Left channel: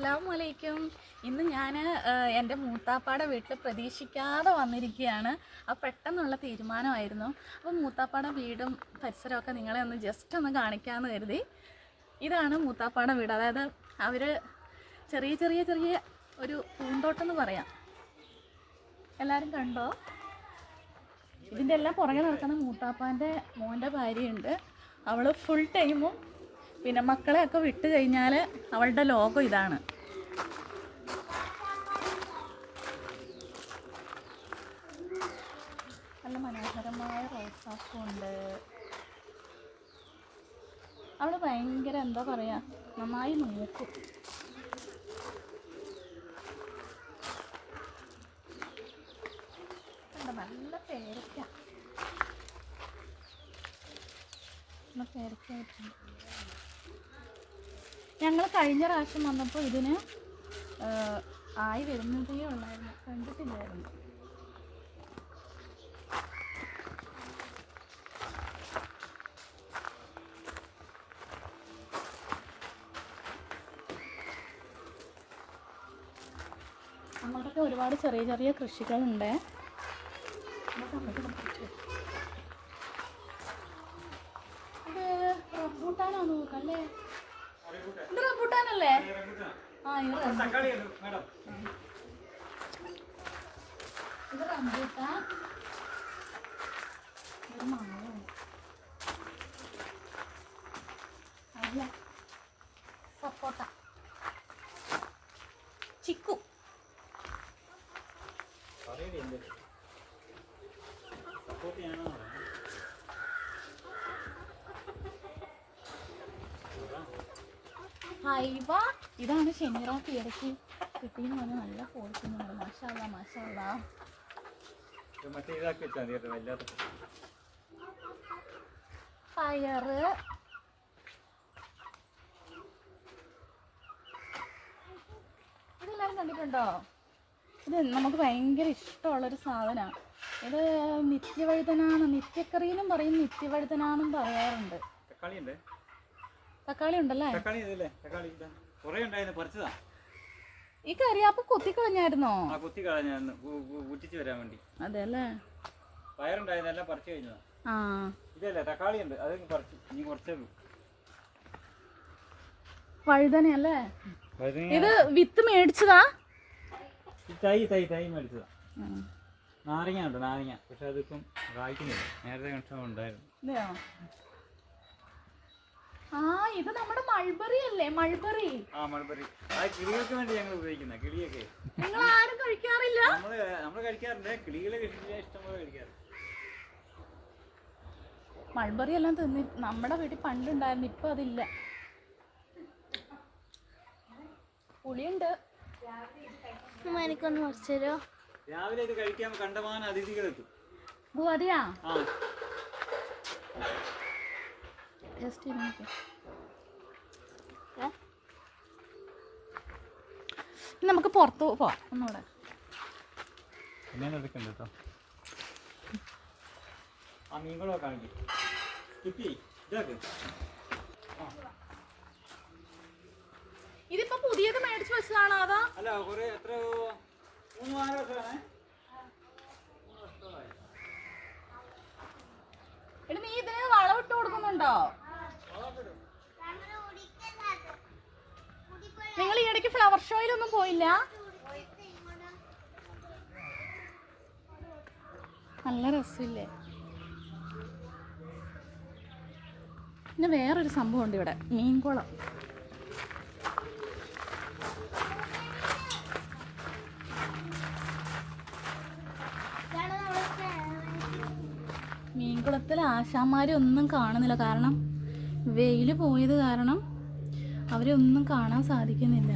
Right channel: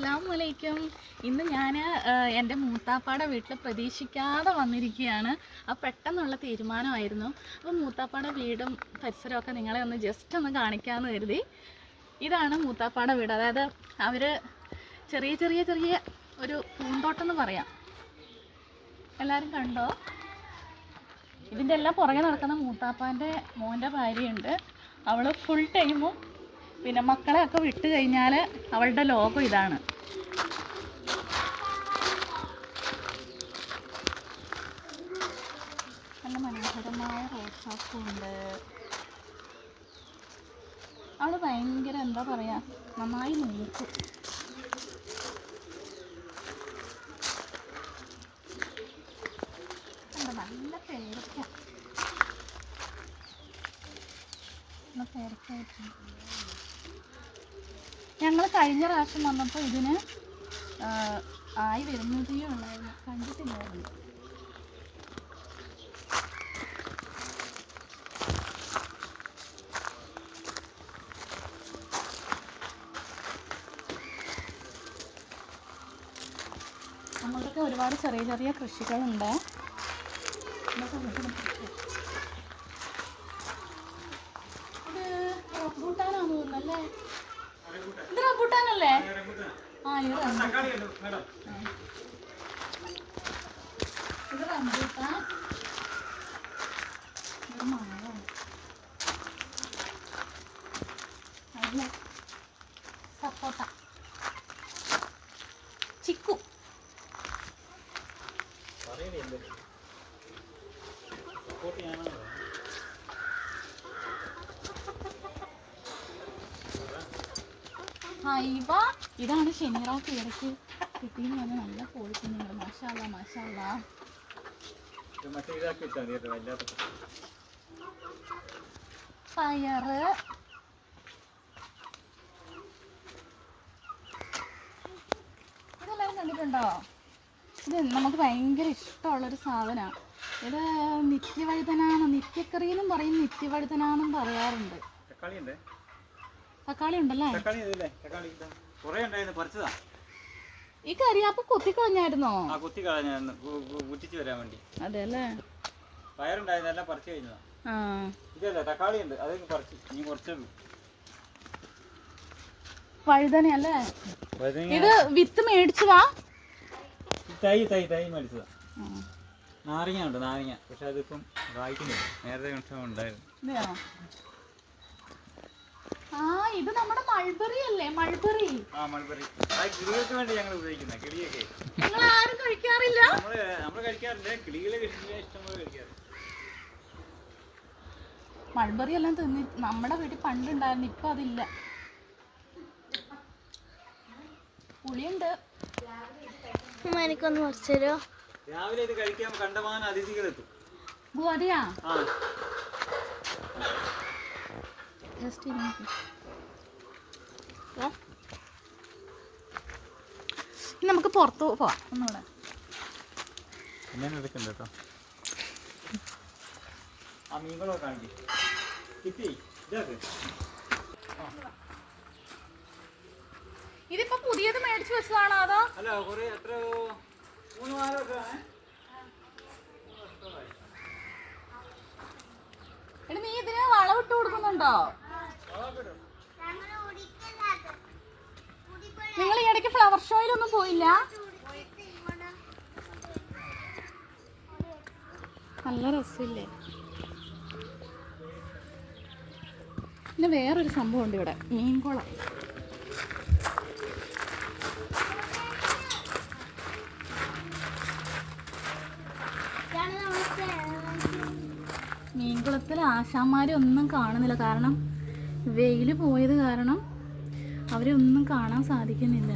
അസ്സലാമലൈക്കും ഇന്ന് ഞാൻ എന്റെ മൂത്താപ്പാടെ വീട്ടിൽ പ്രതീക്ഷിക്കാതെ വന്നിരിക്കുകയാണ്. ആ പെട്ടെന്നുള്ള തീരുമാനമായിരുന്നു. അപ്പോൾ മൂത്താപ്പാടെ വീടും പരിസരമൊക്കെ നിങ്ങളെ ഒന്ന് ജസ്റ്റ് ഒന്ന് കാണിക്കാമെന്ന് കരുതി. ഇതാണ് മൂത്താപ്പാടെ വീട്. അതായത് അവർ ചെറിയ ചെറിയ ചെറിയ ഒരു പൂന്തോട്ടം എന്ന് പറയാം. എല്ലാവരും കണ്ടോ? ഇതിന്റെ എല്ലാം പുറകെ നടക്കുന്ന മൂത്താപ്പാന്റെ മോന്റെ ഭാര്യയുണ്ട്. അവൾ ഫുൾ ടൈമും പിന്നെ മക്കളെയൊക്കെ വിട്ട് കഴിഞ്ഞാൽ അവളുടെ ലോകം ഇതാണ്. നല്ല മനോഹരമായ റോസാപ്പൂണ്ട് അവൾ ഭയങ്കര എന്താ പറയുക നന്നായി നോക്കും നല്ല പേരക്ക. ഞങ്ങൾ കഴിഞ്ഞ പ്രാവശ്യം വന്നപ്പോൾ ഇതിന് ആയി വരുന്നതേ ഉള്ളായിരുന്നു. കണ്ടിട്ടില്ലായിരുന്നു. നമ്മൾക്കൊക്കെ ഒരുപാട് ചെറിയ ചെറിയ കൃഷികളുണ്ട്. ഇത് റബ്ബൂട്ടാനാന്ന് തോന്നുന്നല്ലേ ഇത് റബ്ബൂട്ടാനല്ലേ ആ ഇത് റബ്ബൂട്ടാൻ ഇത് മാവാണ്. സപ്പോട്ട. ചിക്കു. ഹൈവ ഇതാണ് ശനിറോക്ക് ഇടയ്ക്ക് കിട്ടിയെന്ന് പറഞ്ഞാൽ നല്ല പോയിക്കുന്നുണ്ട് മാഷാല്ല മാഷാല്ല. ഫയറ് പയറ് ഇതെല്ലാവരും കണ്ടിട്ടുണ്ടോ? ഇത് നമുക്ക് ഭയങ്കര ഇഷ്ടമുള്ളൊരു സാധനമാണ് ഇത് നിത്യവഴുതനാണ് നിത്യക്കറിയെന്നും പറയും നിത്യവഴുതനാന്നും പറയാറുണ്ട്. തക്കാളി തക്കാളി ഉണ്ടല്ലേ? തക്കാളി ഇതല്ലേ തക്കാളി ഇതാ. കുറേ ഉണ്ടായിരുന്നു പറിച്ചതാ. ഈ കറിയാപ്പ് കൊത്തിക്കളഞ്ഞായിരുന്നോ ആ കുത്തി കളഞ്ഞായിരുന്നു കുറ്റിച്ച് വരാൻ വേണ്ടി. അതെ അല്ലേ പയറുണ്ടായിരുന്നു എല്ലാം പറിച്ചു കഴിഞ്ഞതാ. ആ. ഇതല്ലേ തക്കാളി ഉണ്ട് അത് പറിച്ചു ഇനി കുറച്ചേ ഉള്ളൂ വഴുതനയല്ലേ? വഴുതനങ്ങ. ഇത് വിത്ത് മേടിച്ചതാ? ഈ തൈ തൈ തൈ മേടിച്ചതാ. നാരങ്ങ ഉണ്ട് നാരങ്ങ. പക്ഷെ അതിപ്പം കായ്ക്കുന്നില്ല. നേരത്തെ കണക്ഷൻ ഉണ്ടായിരുന്നു? ആ ഇത് നമ്മുടെ മൾബറി അല്ലേ? മൾബറി ആ മൾബറി ആ കിളികൾക്ക് വേണ്ടി ഞങ്ങൾ ഉപയോഗിക്കുന്നത് കിളിയൊക്കെ. നിങ്ങൾ ആരും കഴിക്കാറില്ല? നമ്മൾ നമ്മൾ കഴിക്കാറുണ്ട്. കിളികളെ ഇഷ്ടംപോലെ കഴിക്കാറുണ്ട്. മൾബറി എല്ലാം തിന്നി നമ്മുടെ വീട്ടിൽ പണ്ടുണ്ടായിരുന്നു ഇപ്പൊ അതില്ല. പുളിയുണ്ട്. എനിക്കൊന്ന് കുറച്ച് തരുമോ രാവിലെ ഇത് കഴിക്കാൻ കണ്ടമാനം അതിഥികളെത്തും അതെയാ? ആ. ജസ്റ്റ് നമുക്ക് പുറത്ത് പോവാം. ഒന്നുകൂടെ. ഞാൻ എടുക്കണ്ട കേട്ടോ ആ മീൻകളൊക്കെ കാണിക്കും. കിപ്പി ഇതാക്ക്. ഇതിപ്പോ പുതിയത് മേടിച്ചു വെച്ചതാണോ അതോ? അല്ല കുറെ എത്ര മൂന്ന് നാല് വർഷമാണ്. എടി നീ ഇതിന് വളവിട്ട് കൊടുക്കുന്നുണ്ടോ നിങ്ങൾ ഈ ഇടയ്ക്ക് ഫ്ലവർ ഷോയിലൊന്നും പോയില്ല. നല്ല രസമില്ലേ? പിന്നെ വേറൊരു സംഭവം ഉണ്ട് ഇവിടെ മീൻകുളം. മീൻകുളത്തിൽ ആശാന്മാരെ ഒന്നും കാണുന്നില്ല. കാരണം വെയിൽ പോയത് കാരണം അവരെ ഒന്നും കാണാൻ സാധിക്കുന്നില്ല.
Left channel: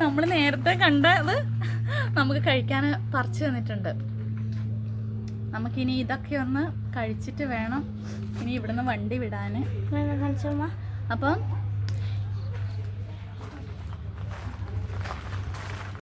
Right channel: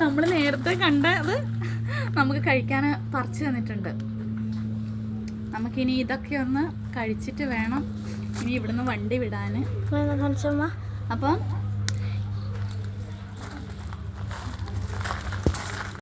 നമ്മൾ നേരത്തെ കണ്ടത് നമുക്ക് കഴിക്കാൻ പറിച്ചു തന്നിട്ടുണ്ട്. നമുക്കിനി ഇതൊക്കെ ഒന്ന് കഴിച്ചിട്ട് വേണം. ഇനി ഇവിടുന്ന് വണ്ടി വിടാൻ അപ്പം